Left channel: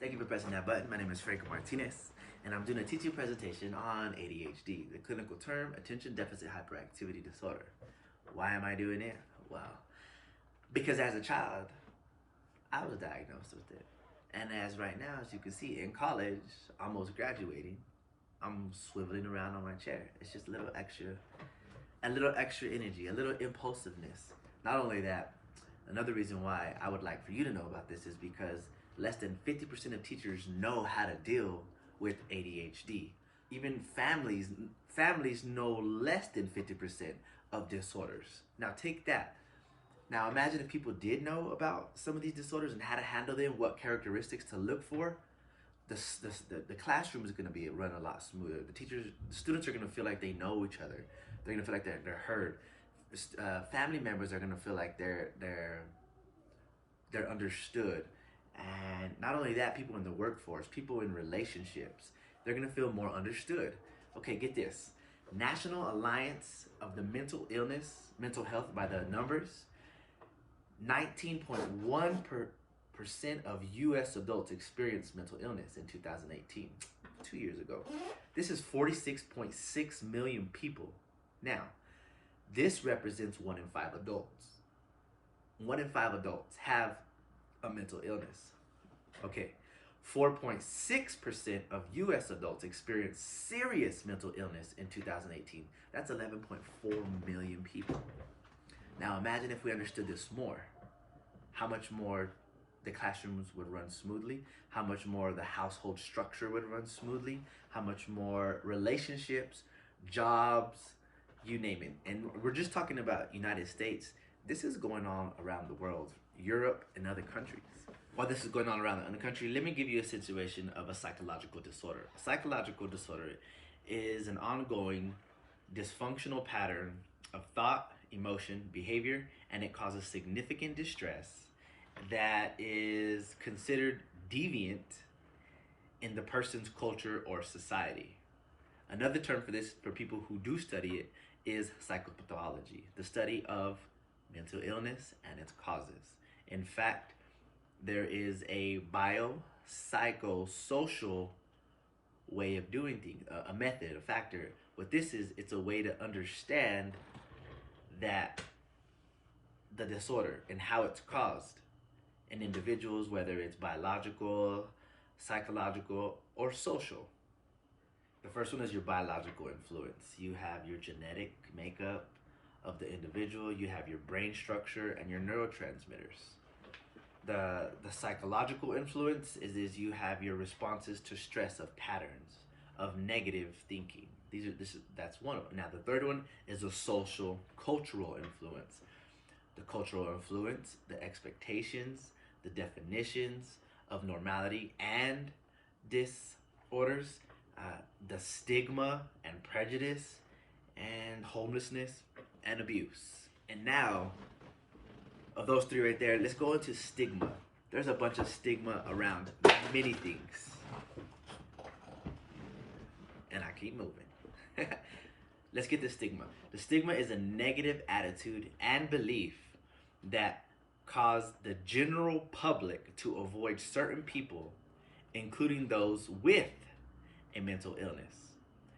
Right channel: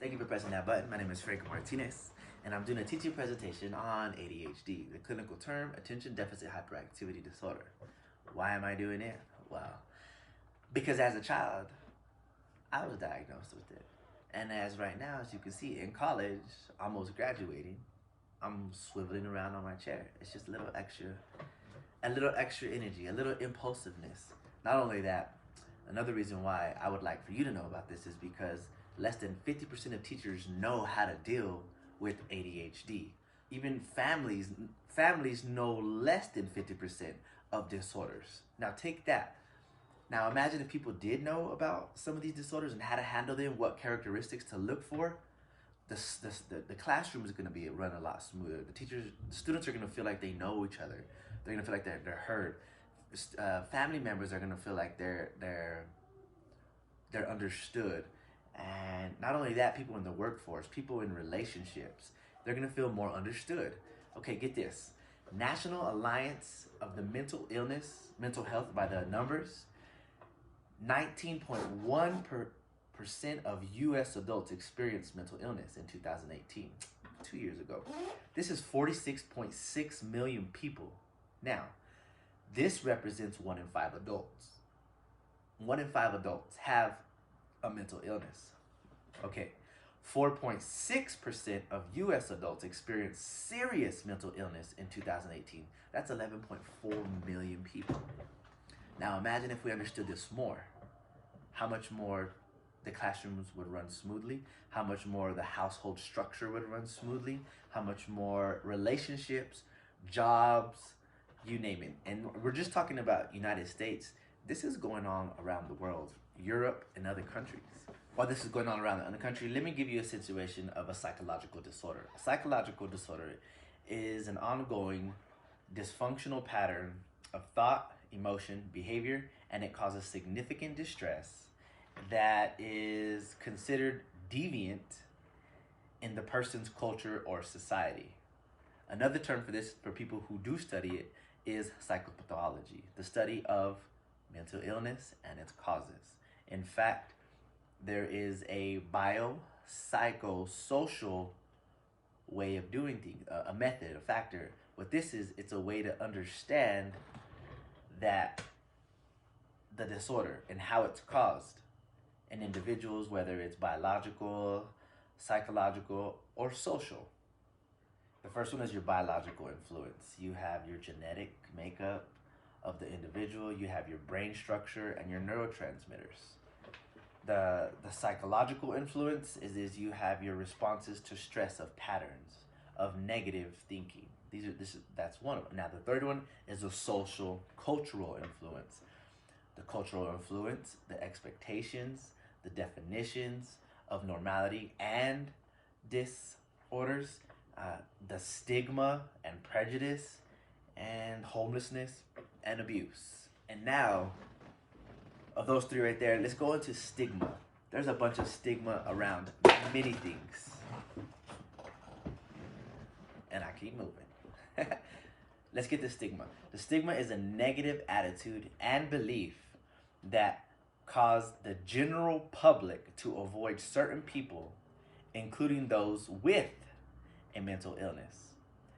Thank you for pressing that button. My name is Franco Martinez, and I'm doing a teaching presentation on ADHD, the clinical term, Attention Deficit Hyperactivity Disorder. Why am I doing it? Well, because as a child, I was diagnosed with it. And as right now, as you can see, in college, almost graduating, I'm swiveling around on my chair. It's just a little extra energy, a little impulsiveness. Not only that, another reason why I would like for you to know about this is because less than 50% of teachers know how to deal with ADHD. Even families know less than 50% of disorders. Now take that. Now imagine if people did know about some of these disorders and how to handle them, what characteristics to look for. The classroom is going to be run a lot smoother. The students are going to feel like they know each other. They're going to feel like they're heard. Family members are going to feel like they're understood. And not only that, people in the workforce, people in relationships, they're going to feel more understood. Okay, get this. National Alliance of the Mental Health by the numbers, 19.1% of U.S. adults experienced mental illness in 2018, 2 years ago. This is 46.6 million people. Now, this represents 1 in 5 adults. 1 in 5 adults have a mental illness. Okay, 4.6% of U.S. adults experienced serious mental illness in 2018. That's 11.4 million people. Now imagine if we understood this more. How much more the classrooms would run smoothly, how much more the household structure would run smoothly, how much more relationships, jobs, you name it. And we're just talking about United States. This is going on around the world, Europe and other countries. While this is going on around the country, let me give you a situation of a psychological disorder. A psychological disorder is an ongoing dysfunctional pattern of thought, emotion, behavior, and it causes significant distress that is considered deviant in the person's culture or society. Another term for this, for people who do study it, is psychopathology, the study of mental illness and its causes. In fact, there is a biopsychosocial way of doing things, a method, a factor. What this is, it's a way to understand that the disorder and how it's caused in individuals, whether it's biological, psychological, or social. The first one is your biological influence. You have your genetic makeup of the individual, you have your brain structure and your neurotransmitters. The psychological influence is you have your responses to stress of patterns of negative thinking. That's one of them. Now the third one is a social cultural influence. The cultural influence, the expectations, the definitions of normality and disorders, the stigma and prejudice, and homelessness and abuse. And now, of those three right there, let's go into stigma. There's a bunch of stigma around many things. And I keep moving. Let's get the stigma. The stigma is a negative attitude and belief that cause the general public to avoid certain people, including those with a mental illness.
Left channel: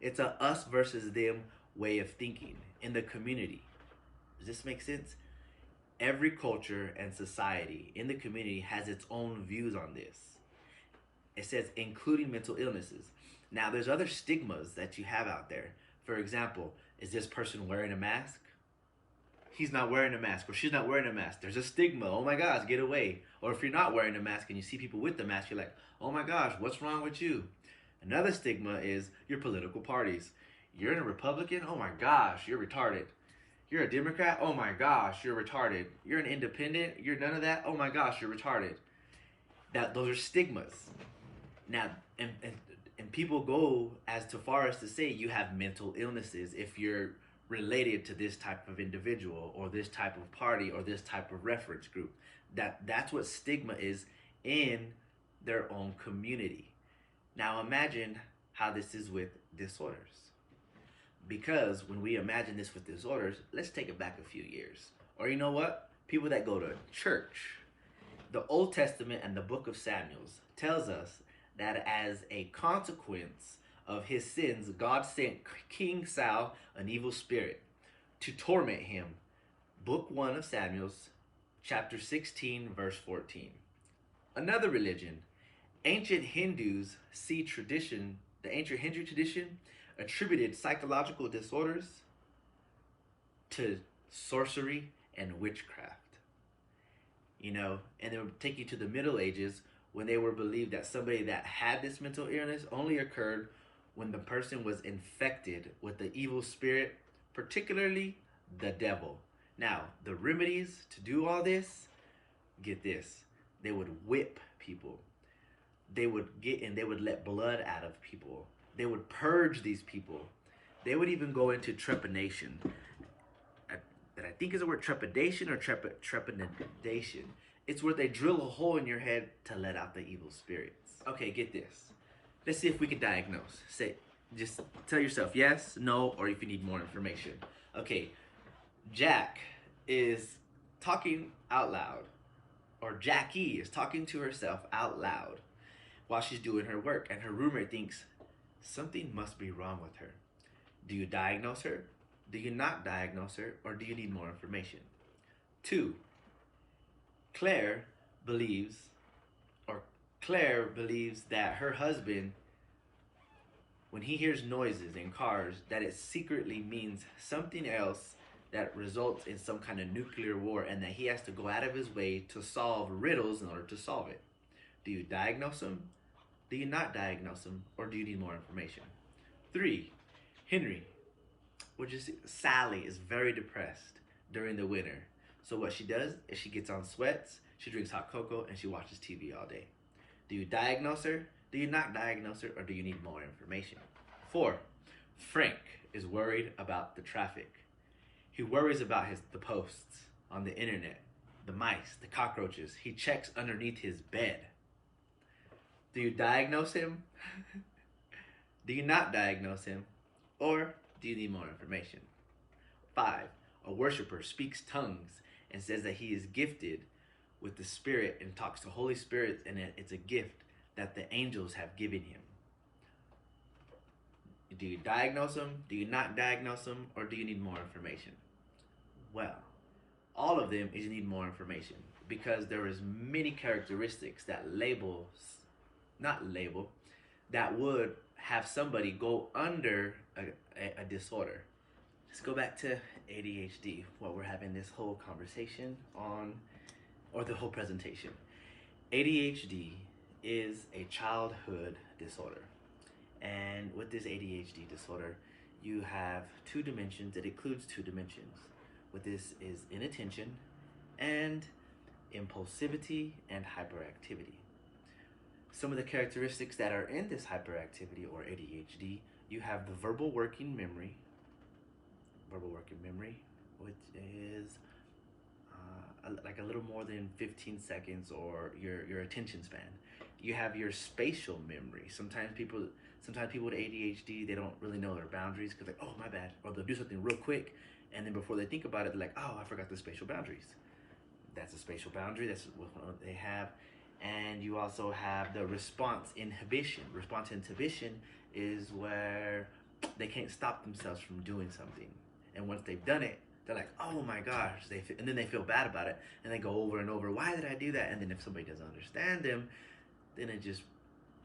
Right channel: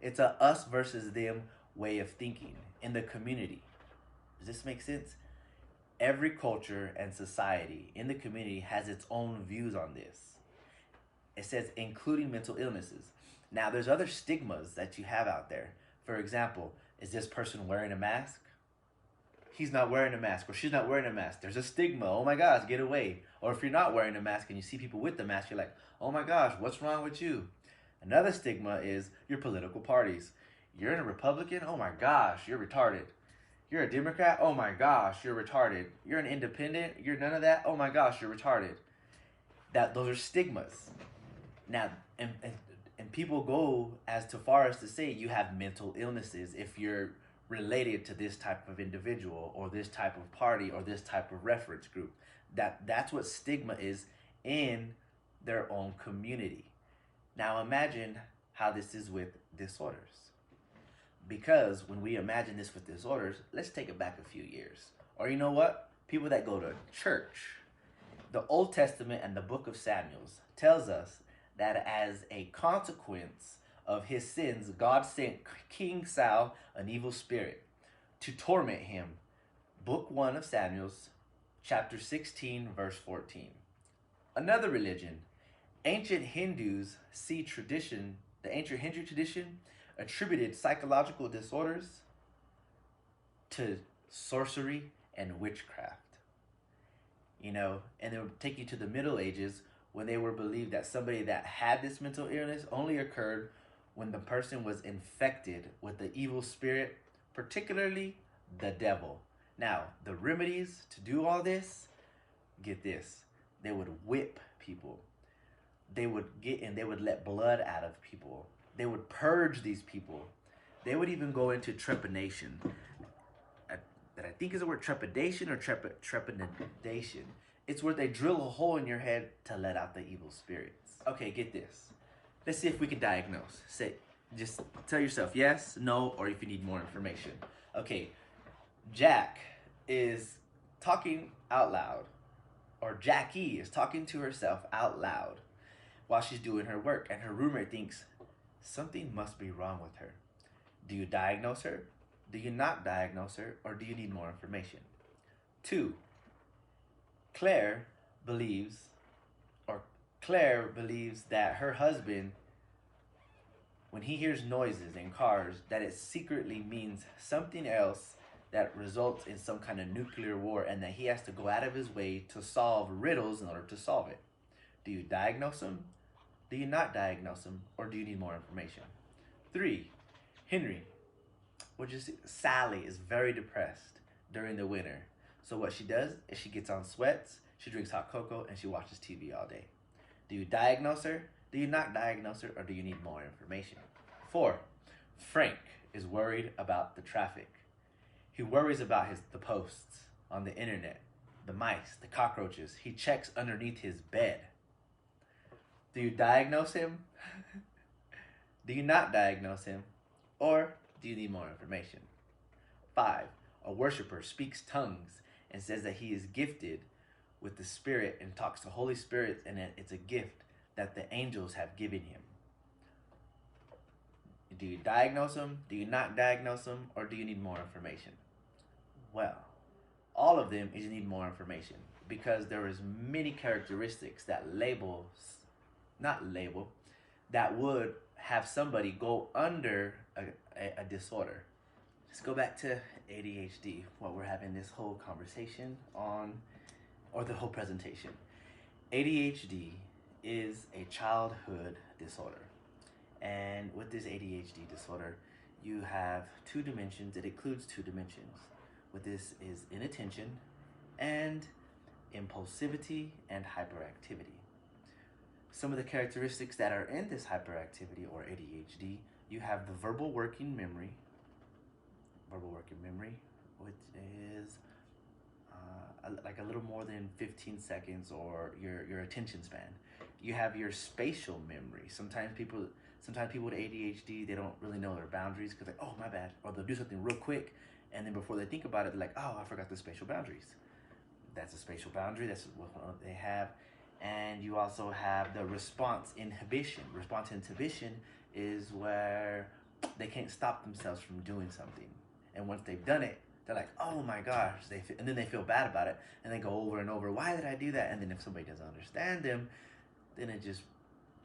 It's a us versus them way of thinking in the community. Does this make sense? Every culture and society in the community has its own views on this. It says including mental illnesses. Now there's other stigmas that you have out there. For example, is this person wearing a mask? He's not wearing a mask, or she's not wearing a mask. There's a stigma. Oh my gosh, get away. Or if you're not wearing a mask and you see people with the mask, you're like, oh my gosh, what's wrong with you? Another stigma is your political parties. You're a Republican? Oh my gosh, you're retarded. You're a Democrat? Oh my gosh, you're retarded. You're an independent? You're none of that? Oh my gosh, you're retarded. Those are stigmas. Now, and people go as far as to say you have mental illnesses if you're related to this type of individual or this type of party or this type of reference group. That's what stigma is in their own community. Now imagine how this is with disorders. Because when we imagine this with disorders, let's take it back a few years. Or you know what? People that go to church. The Old Testament and the book of Samuel tells us that as a consequence of his sins, God sent King Saul an evil spirit to torment him. Book 1 of Samuel, chapter 16, verse 14. Another religion, ancient Hindus see tradition, the ancient Hindu tradition attributed psychological disorders to sorcery and witchcraft. You know, and they would take you to the Middle Ages when they were believed that somebody that had this mental illness only occurred when the person was infected with the evil spirit, particularly the devil. Now, the remedies to do all this, get this, they would whip people. They would let blood out of people. They would purge these people. They would even go into trepanation. That I think is the word trepidation or trepidation. It's where they drill a hole in your head to let out the evil spirits. Okay, get this. Let's see if we can diagnose. Just tell yourself yes, no, or if you need more information. Okay, Jack is talking out loud, or Jackie is talking to herself out loud while she's doing her work, and her roommate thinks something must be wrong with her. Do you diagnose her? Do you not diagnose her, or do you need more information? 2, Claire believes that her husband, when he hears noises in cars, that it secretly means something else that results in some kind of nuclear war, and that he has to go out of his way to solve riddles in order to solve it. Do you diagnose him? Do you not diagnose him, or do you need more information? 3, Henry. Sally is very depressed during the winter. So what she does is she gets on sweats, she drinks hot cocoa, and she watches TV all day. Do you diagnose her? Do you not diagnose her, or do you need more information? 4, Frank is worried about the traffic. He worries about the posts on the internet, the mice, the cockroaches. He checks underneath his bed. Do you diagnose him? Do you not diagnose him? Or do you need more information? 5, a worshiper speaks tongues and says that he is gifted with the Spirit and talks to Holy Spirits, and that it's a gift that the angels have given him. Do you diagnose him? Do you not diagnose him? Or do you need more information? Well, all of them is you need more information, because there is many characteristics that that would have somebody go under a disorder. Let's go back to ADHD, what we're having this whole conversation on, or the whole presentation. ADHD is a childhood disorder. And with this ADHD disorder, you have 2 dimensions. It includes 2 dimensions. What this is inattention and impulsivity and hyperactivity. Some of the characteristics that are in this hyperactivity or ADHD, you have the verbal working memory, which is like a little more than 15 seconds, or your attention span. You have your spatial memory. Sometimes people with ADHD, they don't really know their boundaries, because like, oh, my bad. Or they'll do something real quick, and then before they think about it, they're like, oh, I forgot the spatial boundaries. That's a spatial boundary. That's what they have. And you also have the response inhibition. Response inhibition is where they can't stop themselves from doing something. And once they've done it, they're like, oh my gosh. And then they feel bad about it. And they go over and over, why did I do that? And then if somebody doesn't understand them, then it just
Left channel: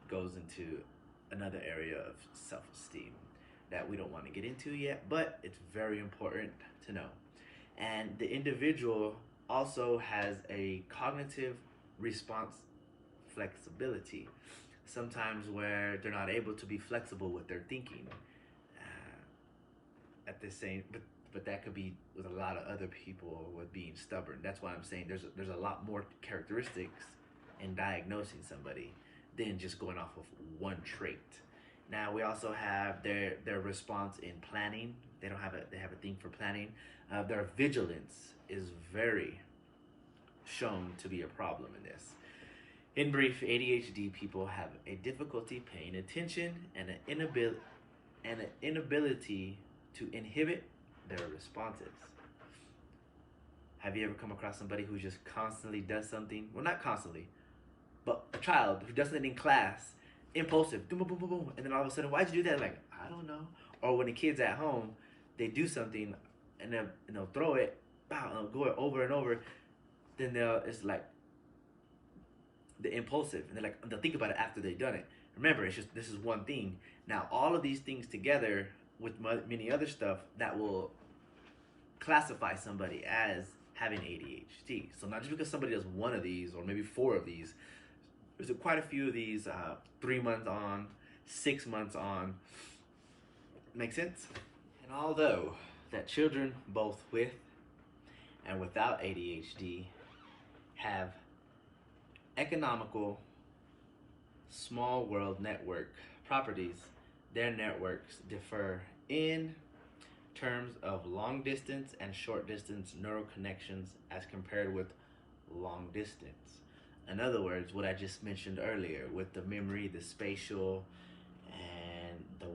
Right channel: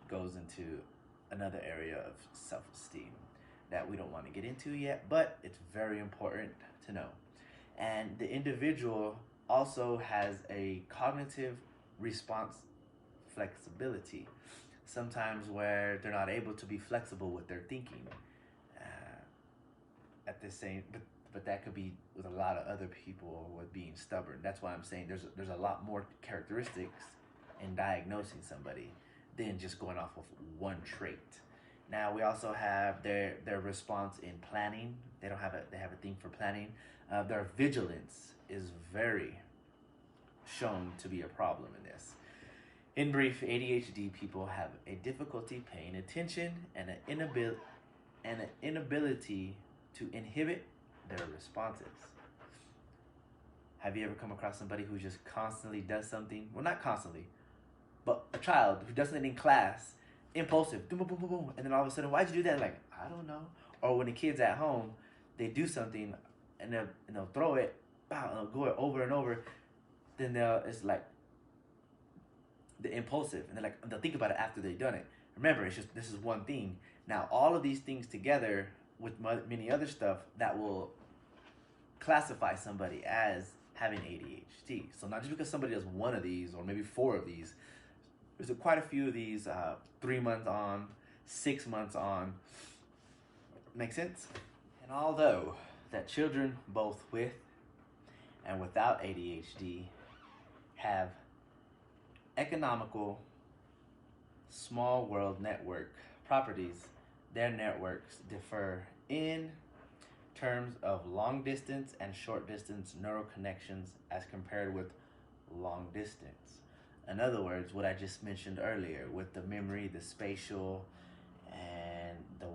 goes into another area of self-esteem that we don't want to get into yet, but it's very important to know. And the individual also has a cognitive response flexibility, sometimes where they're not able to be flexible with their thinking. But that could be with a lot of other people with being stubborn. That's why I'm saying there's a lot more characteristics in diagnosing somebody than just going off of one trait. Now we also have their response in planning. They have a thing for planning. Their vigilance is very shown to be a problem in this. In brief, ADHD people have a difficulty paying attention and an inability to inhibit their responses. Have you ever come across somebody who just constantly does something? Well, not constantly, but a child who does something in class, impulsive, boom, boom, boom, boom, boom, and then all of a sudden, why'd you do that? Like, I don't know. Or when the kid's at home, they do something and they'll throw it, bow, and they'll go it over and over. Then it's like the impulsive, and they'll think about it after they've done it. Remember, it's just this is one thing. Now, all of these things together with many other stuff that will classify somebody as having ADHD. So not just because somebody does one of these or maybe four of these, there's quite a few of these 3 months on, 6 months on. Make sense? And although that children both with and without ADHD have economical small world network properties, their networks differ in terms of long distance and short distance neural connections as compared with long distance. In other words, what I just mentioned earlier with the memory, the spatial, and the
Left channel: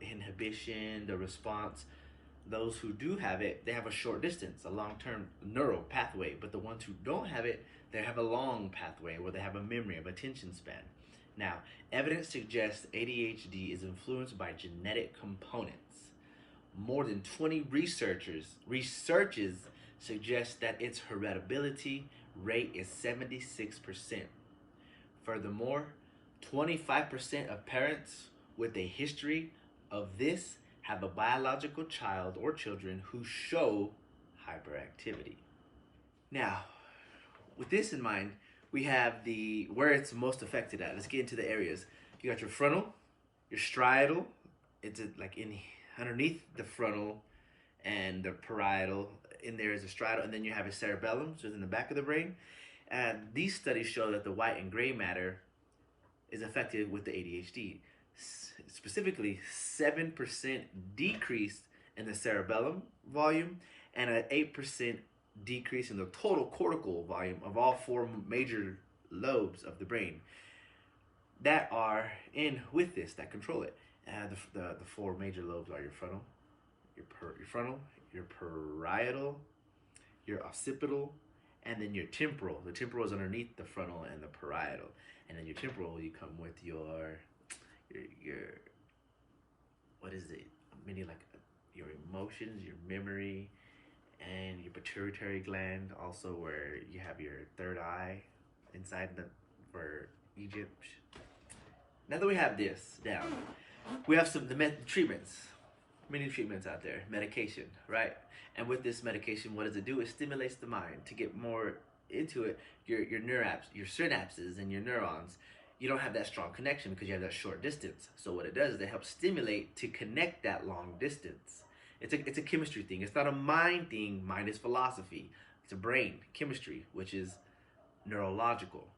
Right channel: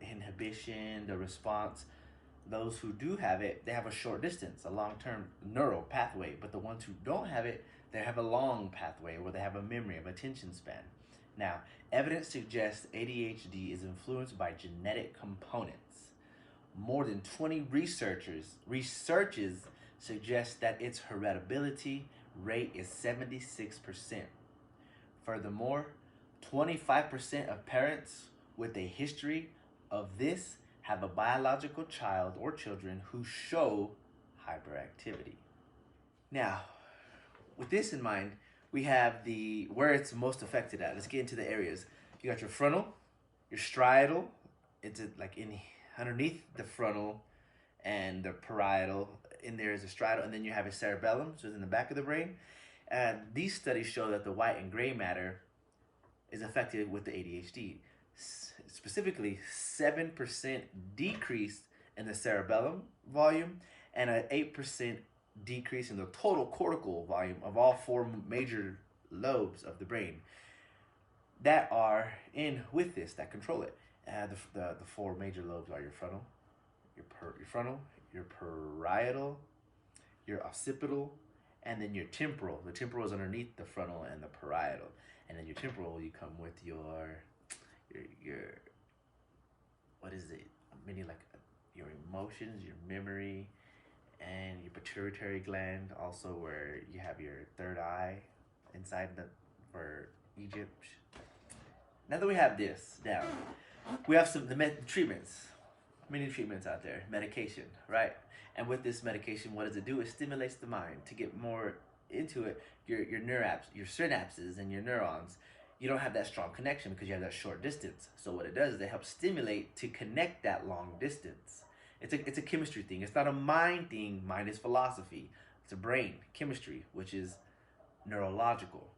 inhibition, the response. Those who do have it, they have a short distance, a long-term neural pathway. But the ones who don't have it, they have a long pathway where they have a memory of attention span. Now, evidence suggests ADHD is influenced by genetic components. More than 20 researches suggest that its heritability rate is 76%. Furthermore, 25% of parents with a history of this have a biological child or children who show hyperactivity. Now, with this in mind, we have where it's most affected at. Let's get into the areas. You got your frontal, your striatal. It's like underneath the frontal and the parietal. In there is a striatal, and then you have a cerebellum, so it's in the back of the brain. And these studies show that the white and gray matter is affected with the ADHD. Specifically, 7% decrease in the cerebellum volume and an 8% decrease in the total cortical volume of all four major lobes of the brain that are in with this, that control it. The four major lobes are your frontal, your parietal, your occipital, and then your temporal. The temporal is underneath the frontal and the parietal. And then your temporal, you come with your what is it? Many like your emotions, your memory, and your pituitary gland, also where you have your third eye inside for Egypt. Now that we have this down, we have the treatments, many treatments out there, medication, right? And with this medication, what does it do? It stimulates the mind. To get more into it, your synapses and your neurons, you don't have that strong connection because you have that short distance. So what it does is it helps stimulate to connect that long distance. It's a chemistry thing. It's not a mind thing. Mind is philosophy. It's a brain, chemistry, which is neurological,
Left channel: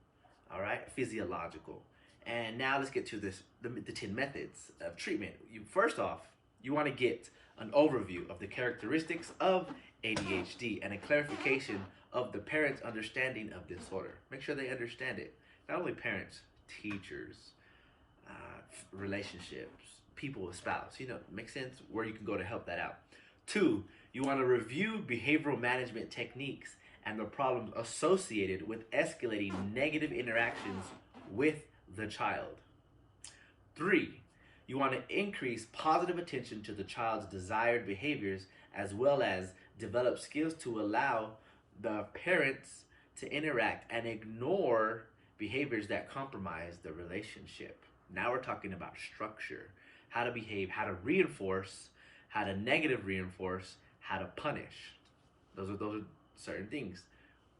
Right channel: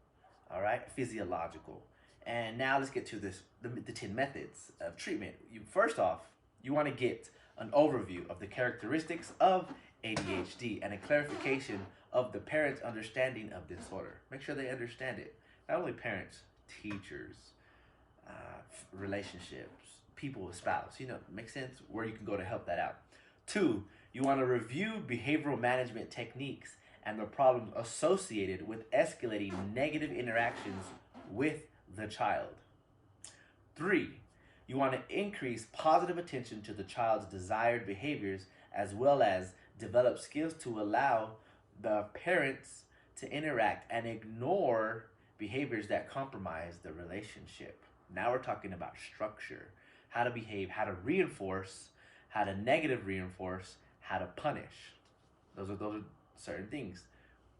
all right, physiological. And now let's get to the 10 methods of treatment. First off, you want to get an overview of the characteristics of ADHD and a clarification of the parents' understanding of disorder. Make sure they understand it. Not only parents, teachers, relationships, people, a spouse, makes sense where you can go to help that out. 2, you want to review behavioral management techniques and the problems associated with escalating negative interactions with the child. 3, you want to increase positive attention to the child's desired behaviors as well as develop skills to allow the parents to interact and ignore behaviors that compromise the relationship. Now we're talking about structure, how to behave, how to reinforce, how to negative reinforce, how to punish. Those are certain things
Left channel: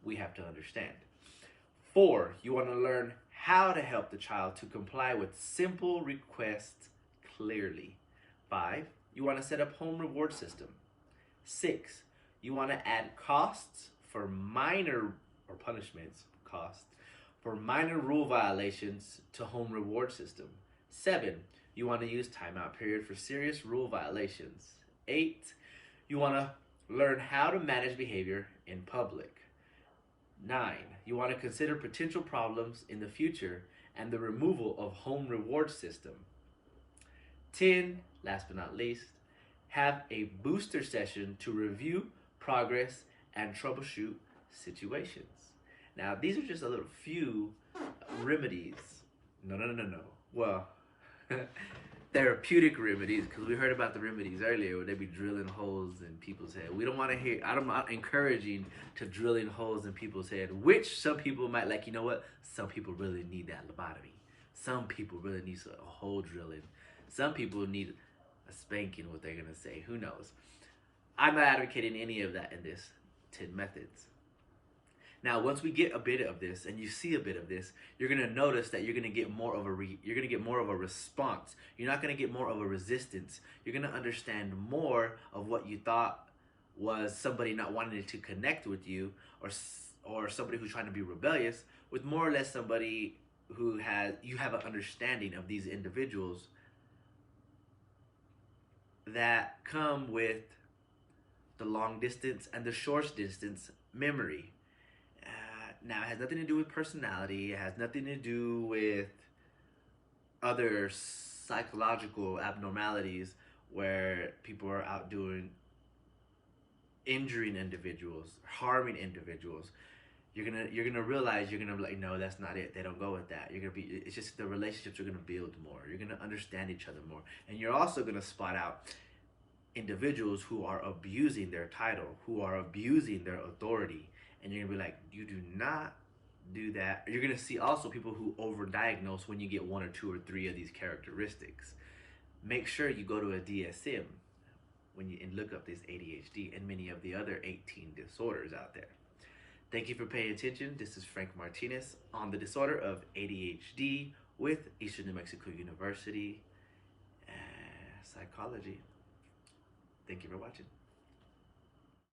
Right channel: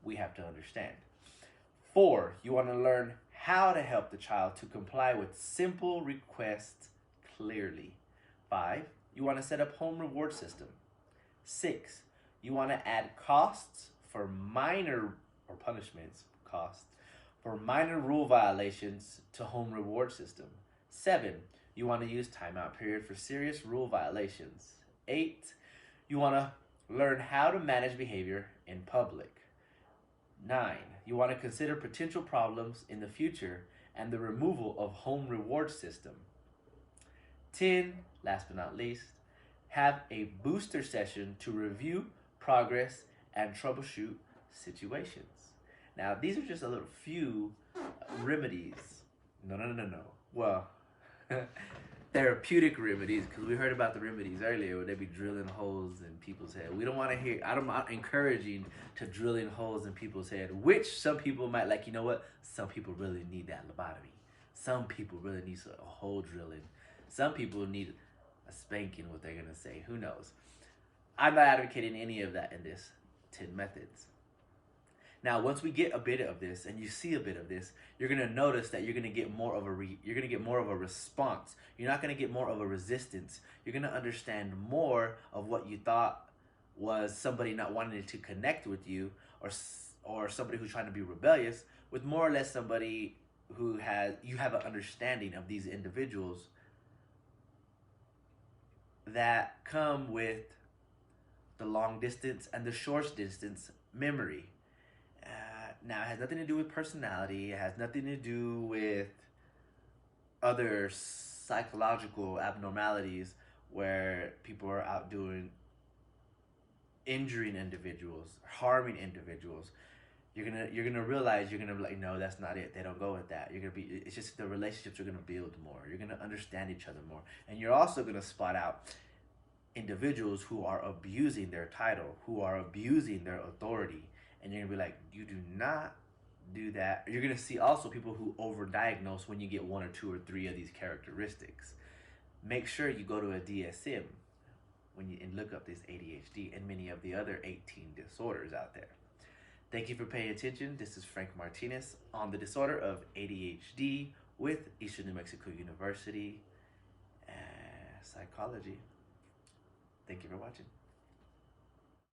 we have to understand. 4, you want to learn how to help the child to comply with simple requests clearly. 5, you want to set up home reward system. 6, you want to add costs for minor or punishments, costs for minor rule violations to home reward system. 7, you want to use timeout period for serious rule violations. 8, you want to learn how to manage behavior in public. 9, you want to consider potential problems in the future and the removal of home reward system. 10, last but not least, have a booster session to review progress, and troubleshoot situations. Now, these are just a little few remedies. No. Well, therapeutic remedies, because we heard about the remedies earlier where they be drilling holes in people's head. We don't want to hear, I'm not encouraging to drilling holes in people's head, which some people might like. You know what? Some people really need that lobotomy. Some people really need a hole drilling. Some people need a spanking, what they're going to say. Who knows? I'm not advocating any of that in this 10 methods. Now, once we get a bit of this, and you see a bit of this, you're gonna notice that you're gonna get more of a response. You're not gonna get more of a resistance. You're gonna understand more of what you thought was somebody not wanting to connect with you, or somebody who's trying to be rebellious, with more or less somebody who you have an understanding of these individuals that come with the long distance and the short distance memory. Now, it has nothing to do with personality. It has nothing to do with other psychological abnormalities where people are out injuring individuals, harming individuals. You're gonna realize, you're gonna be like, no, that's not it. They don't go with that. It's just the relationships are gonna build more. You're gonna understand each other more, and you're also gonna spot out individuals who are abusing their title, who are abusing their authority. And you're gonna be like, you do not do that. You're gonna see also people who overdiagnose when you get 1 or 2 or 3 of these characteristics. Make sure you go to a DSM and look up this ADHD and many of the other 18 disorders out there. Thank you for paying attention. This is Frank Martinez on the disorder of ADHD with Eastern New Mexico University Psychology. Thank you for watching.